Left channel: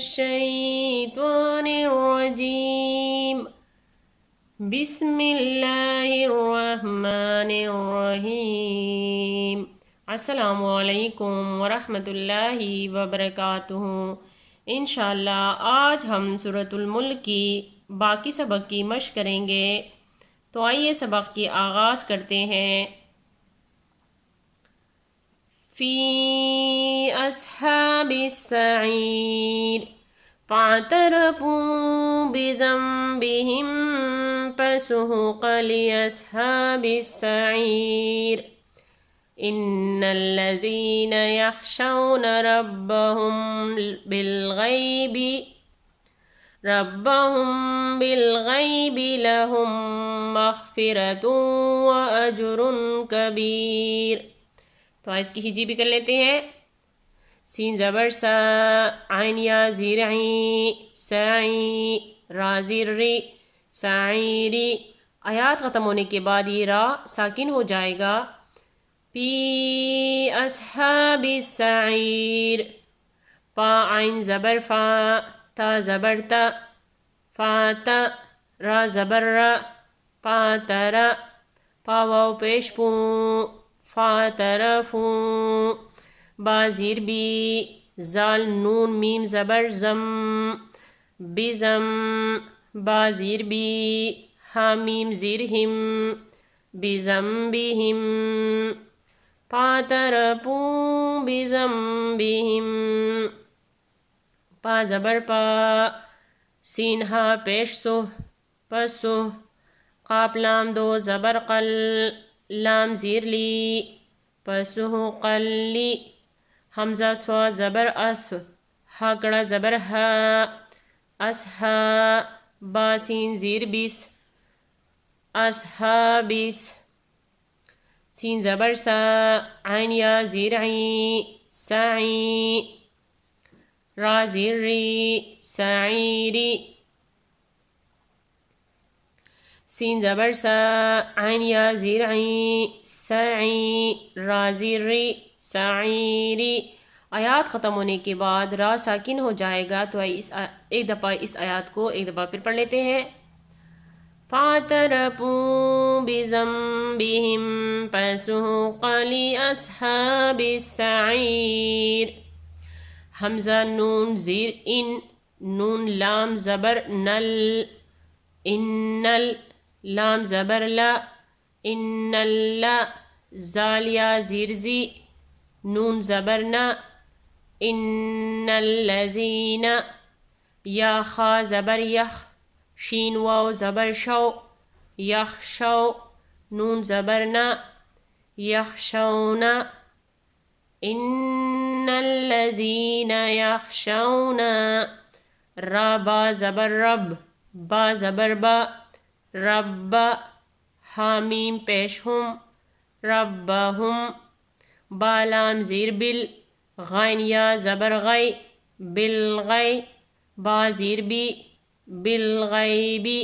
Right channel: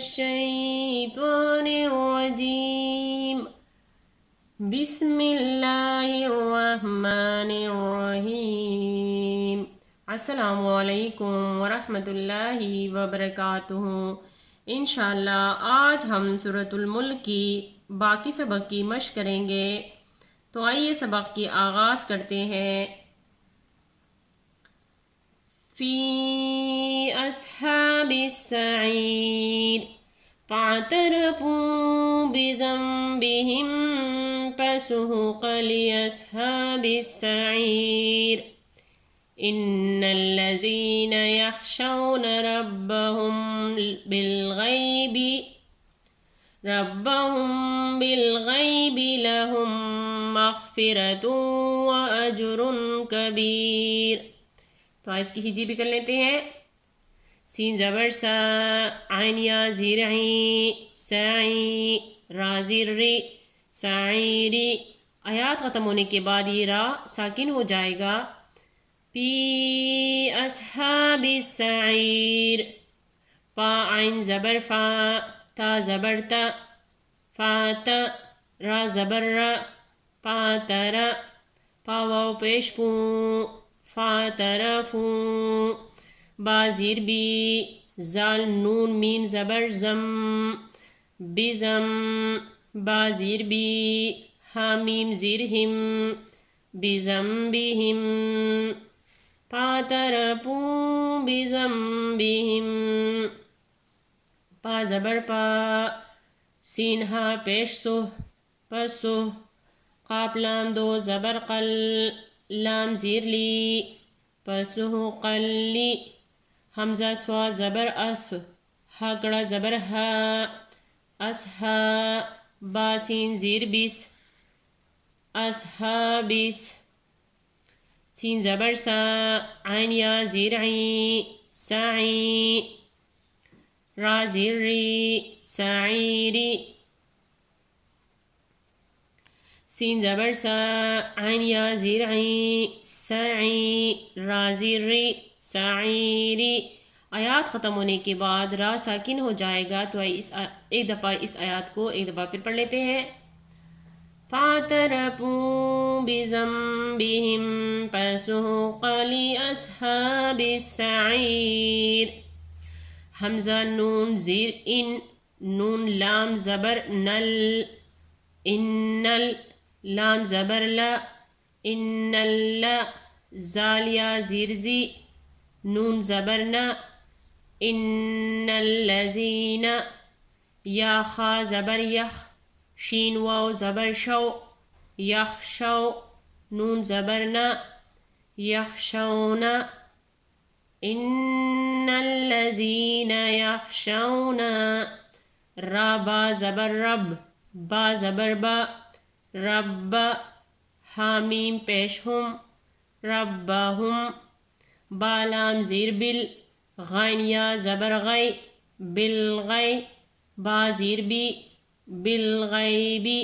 الشيطان الرجيم بسم الله الرحمن الرحیم۔ السلام علیکم ورحمۃ اللہ وبرکاتہ۔ انشاءاللہ آج ہم سورۃ الملک کی باقی سبق کی مشق کریں گے، تو آئیے سبق کی آغاز کرتے ہیں۔ فی اصحاب السعیر فاعترفوا بذنبهم فسحقا لأصحاب السعیر ان الذین یخشون ربهم بالغیب لهم مغفرۃ واجر کبیر۔ تو اس کی ہجی بھی کر لیتے ہیں۔ سین زبر سا، عین یا زیر عین، سعی را زیر ری، سعیری۔ آیات ختم ہونے کے بعد یہ را ساکن ہو جائے گا۔ فی اصحاب السعیر، فا عین زبر فا، تا زبر تا، فاتا را زبر را، فاترا، پا واو پیش پو، فاترفو، با زیر بی، زال نون میم زبر زم، بزم، با زیر بی، ہا میم زیر ہم، بزنبہم، فاترفو بزنبہم، پا زبر پا، سین ہا پیش سو، پسو، قاف لام دو زبر قل، لام زیر لی، پسو قلی، حمزہ سوا زبر اس، ہا کڑا زبر ہا، اسہا، با سین زیر بیس، اصحابیس، سین زبر سا، عین یا زیر عین، سعی، را زیر ری، سعیری، سین زبر سا، عین یا زیر عین، سعی، را زیر ری، سعیری۔ آیات ختم ہونے کے بعد را ساکن ہو جائے گا، تو ایک دفعہ اس آیات کو ایک دفعہ پھر پڑھ لیتے ہیں۔ فَاعْتَرَفُوا بِذَنبِهِمْ فَسُحْقًا لِأَصْحَابِ السَّعِيرِ۔ حمزہ نون زیر ان، نون لام زبر نل، انل، لام زبر لا، ان اللہ، زال یا زیر زی، نون زبر نا، ان الذین، یا خا زبر یخ، شین واو زبر شو، یخشو، نون زبر نا، یخشون، ان الذین یخشون، را با زبر رب، با زبر با، رب، حامیم پیش ہم، ربہم، با لام زیر بل، غین یا زبر غی، بالغی، با زیر بی، بالغیبی،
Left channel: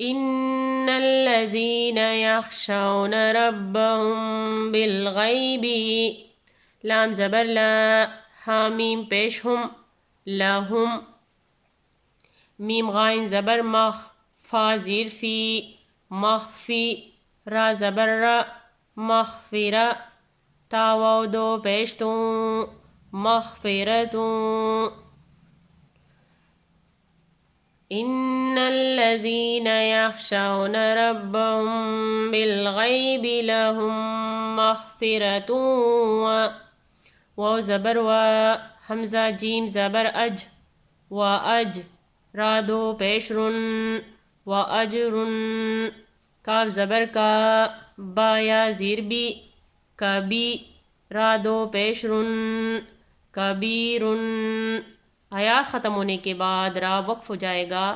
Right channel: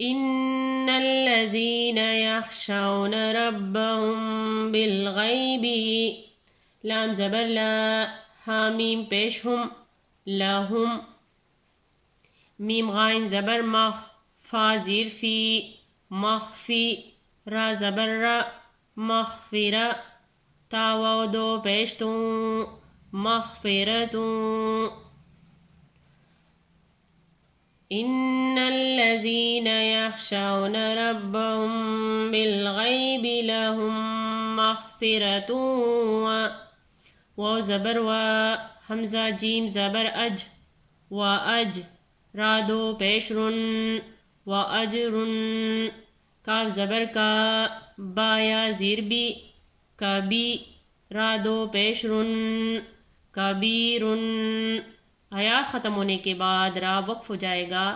ان الذین یخشون ربهم بالغیب، لام زبر لا، حامیم پیش ہم، لہم، میم غائن زبر مخ، فا زیر فی، مخفی، را زبر را، مغفرہ، تا واو دو پیشتوں، مغفرتوں، ان الذین یخشون ربهم بالغیب لهم مغفرۃ واو زبر وا، حمزہ جیم زبر اج، و اج، را دو پیش رن، و اجرن، کاف زبر کا، با یا زیر بی، کبی، را دو پیش رن، کبیرن۔ آیات ختم ہونے کے بعد را وقف ہو جائے گا،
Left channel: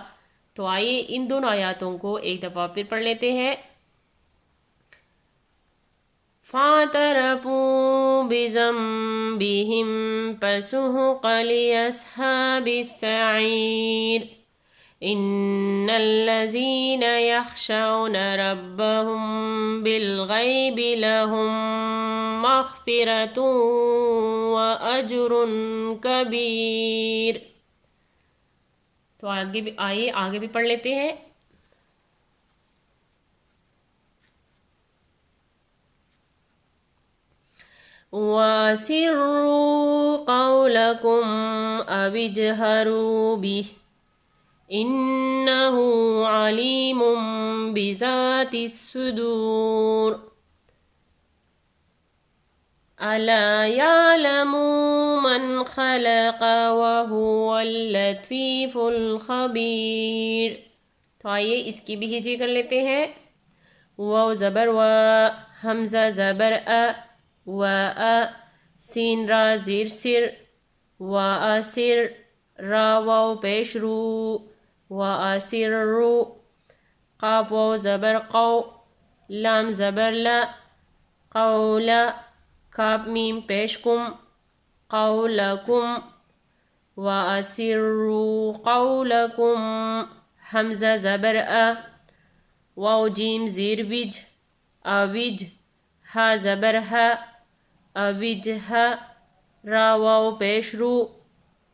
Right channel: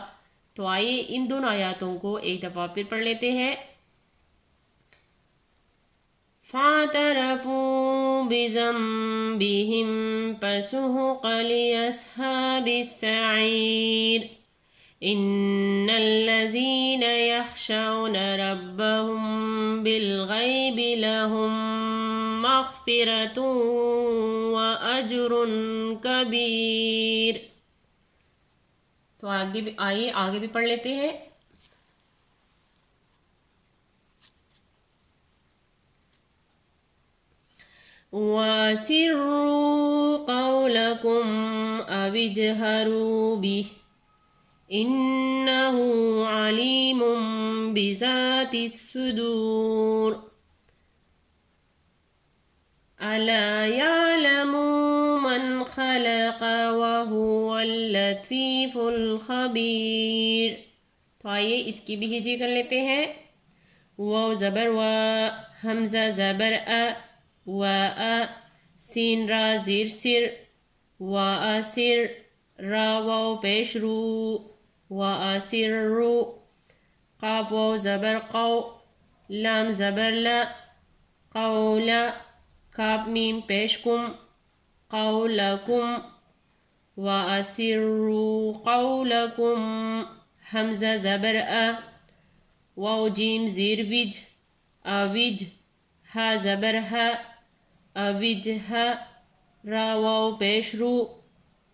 تو آئیے ان دونوں آیاتوں کو ایک دفعہ پھر پڑھ لیتے ہیں۔ فَاعْتَرَفُوا بِذَنبِهِمْ فَسُحْقًا لِأَصْحَابِ السَّعِيرِ إن الذين يخشون ربهم بالغيب لهم مغفرة وأجر كبير. تو آگے بھی پڑھ لیتے ہیں. وَأَسِرُّوا قَوْلَكُمْ أَوِ اجْهَرُوا بِهِ إِنَّهُ عَلِيمٌ بِذَاتِ الصُّدُورِ. أَلَا يَعْلَمُ مَنْ خَلَقَ وَهُوَ اللَّطِيفُ الْخَبِيرُ. تو آئیے اس کی بھی ہجی کر لیتے ہیں. واو زبر و، حمزہ زبر ا، و ا، سین را زیر سر، و اسر، را واو پیش رو، و اسر رو، قاف واو زبر قو، لام زبر ل، قول، کاف میم پیش کم، قولکم، و اسروا قولکم، حمزہ زبر ا، واو جیم زیر وج، اوج، ہا زبر ہ، اوج ہ، را واو پیش رو،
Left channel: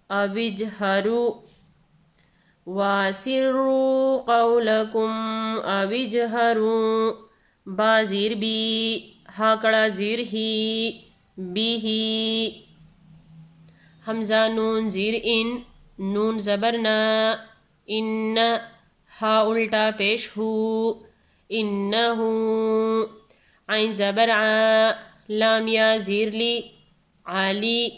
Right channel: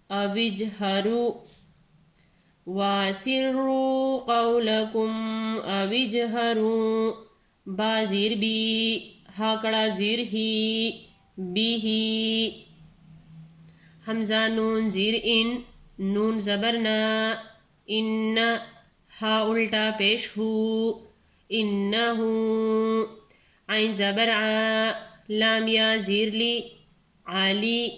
اوج ہرو، واسروا قولکم اوج ہرو، با زیر بی، ہا کڑا زیر ہی، بی ہی، حمزہ نون زیر ان، نون زبر نا، ان، ہا الٹا پیش ہو، انہو، عین زبر ع، لام یا زیر لی، علی،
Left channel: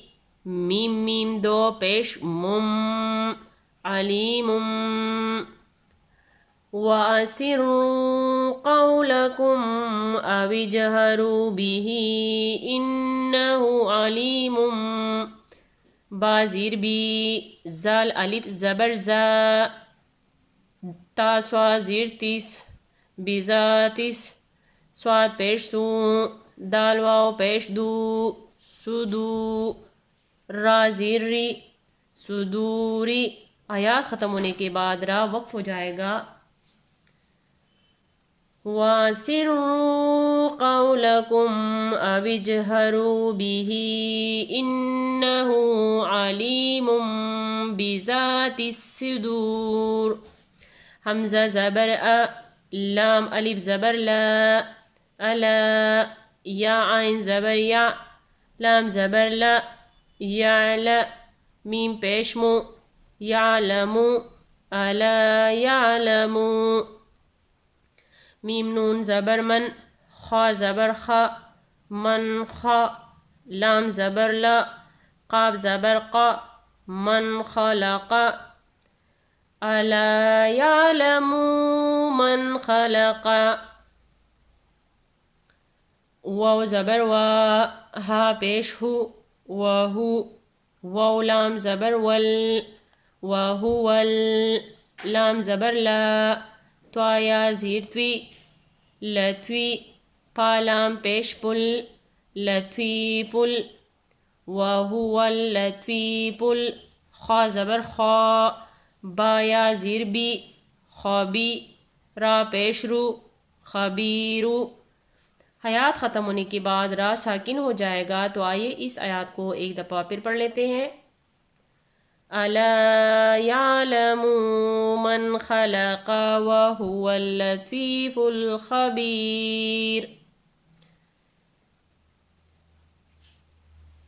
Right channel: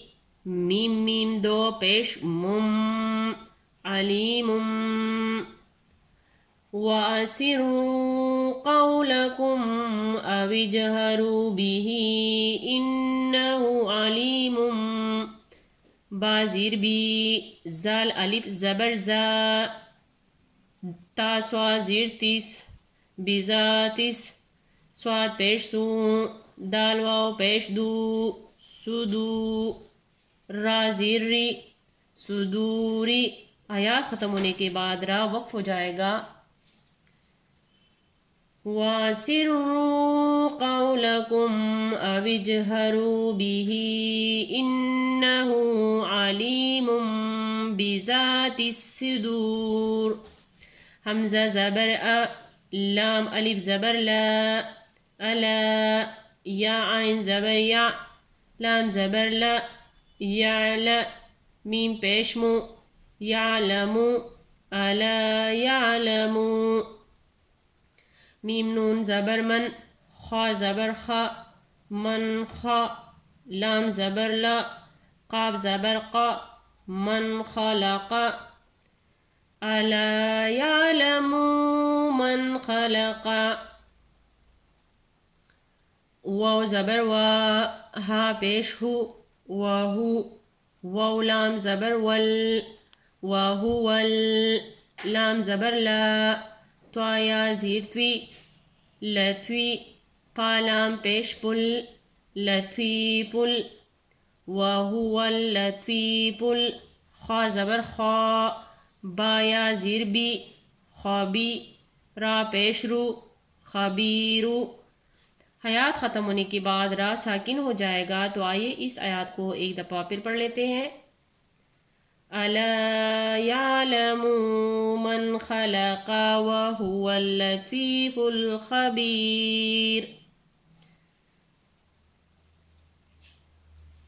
میم میم دو پیش مم، علیم. وَأَسِرُّوا قَوْلَكُمْ أَوِ اجْهَرُوا بِهِ إِنَّهُ عَلِيمٌ. با زیر بی، زال الف زبر زا، تا سوا زیر تیس، بذاتس، سواد پیش سو، دال واو پیش دو، سدو، را زیر ری، صدوری. آیات ختم ہونے کے بعد را وقف ہو جائے گا. وَأَسِرُّوا قَوْلَكُمْ أَوِ اجْهَرُوا بِهِ إِنَّهُ عَلِيمٌ بِذَاتِ الصُّدُورِ. حمزہ زبر ا، لام الف زبر لا، الا، یا عین زبر یا، لام زبر لا، یعلا، میم پیش مو، یعلمو، الا یعلمو، میم نون زبر من، خا زبر خا، من خا، لام زبر لا، قاف زبر قا، من خلق، الا یعلم من خلق. واو زبر وا، ہا پیش ہو، وہو، واو لام زبر ول، وہول، لام زبر لا، توایا زیر توی، لتوی، پا لام پیش پل، لتوی پل، وہو اللتوی پل، خا زبر خا، با یا زیر بی، خوابی، را پیش رو، خبیرو. حیات ختم ہونے کے بعد را ساکن ہو جائے گا. تو آئیے اس آیات کو ایک دفعہ پھر پڑھ لیتے ہیں. الا یعلم من خلق وهو اللطیف الخبیر.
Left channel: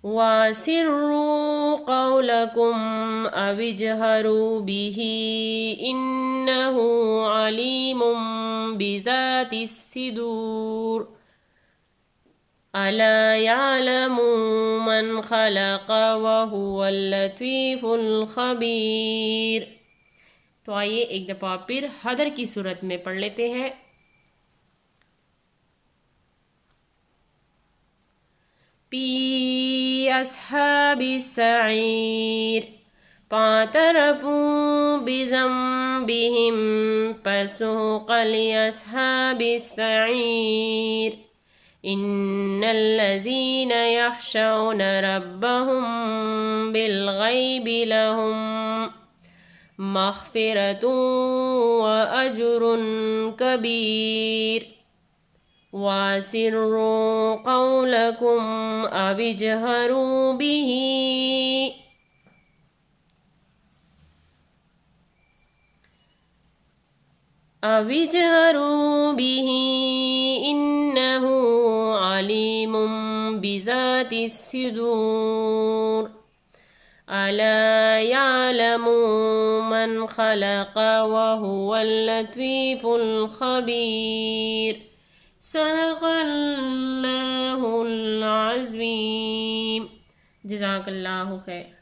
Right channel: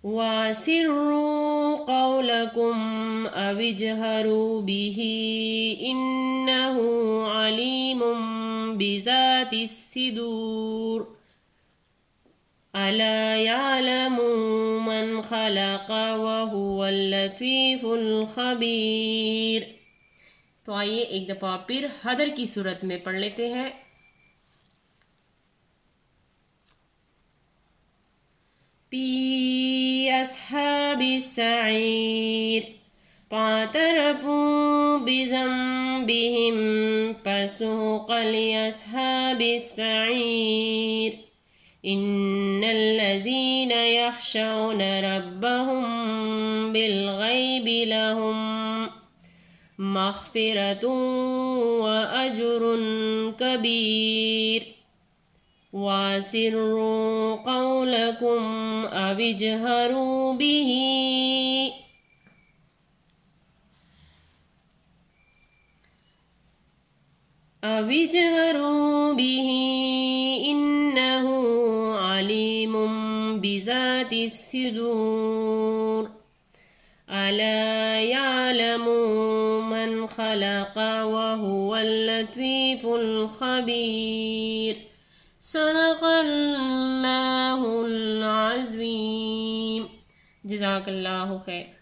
وَأَسِرُّوا قَوْلَكُمْ أَوِ اجْهَرُوا بِهِ إِنَّهُ عَلِيمٌ بِذَاتِ الصُّدُورِ. أَلَا يَعْلَمُ مَنْ خَلَقَ وَهُوَ اللَّطِيفُ الْخَبِيرُ. تو آئیے ایک دفعہ پھر حدر کی صورت میں پڑھ لیتے ہیں. فی اصحاب السعیر فاعترفوا بذنبهم فسوقا لاصحاب السعیر. ان الذین یخشون ربهم بالغیب لهم مغفرة وأجر كبير وأسروا قولكم أو اجهروا به إنه عليم بذات الصدور ألا يعلم من خلق وهو اللطيف الخبير صدق اللہ العظیم. جزاک اللہ خیر.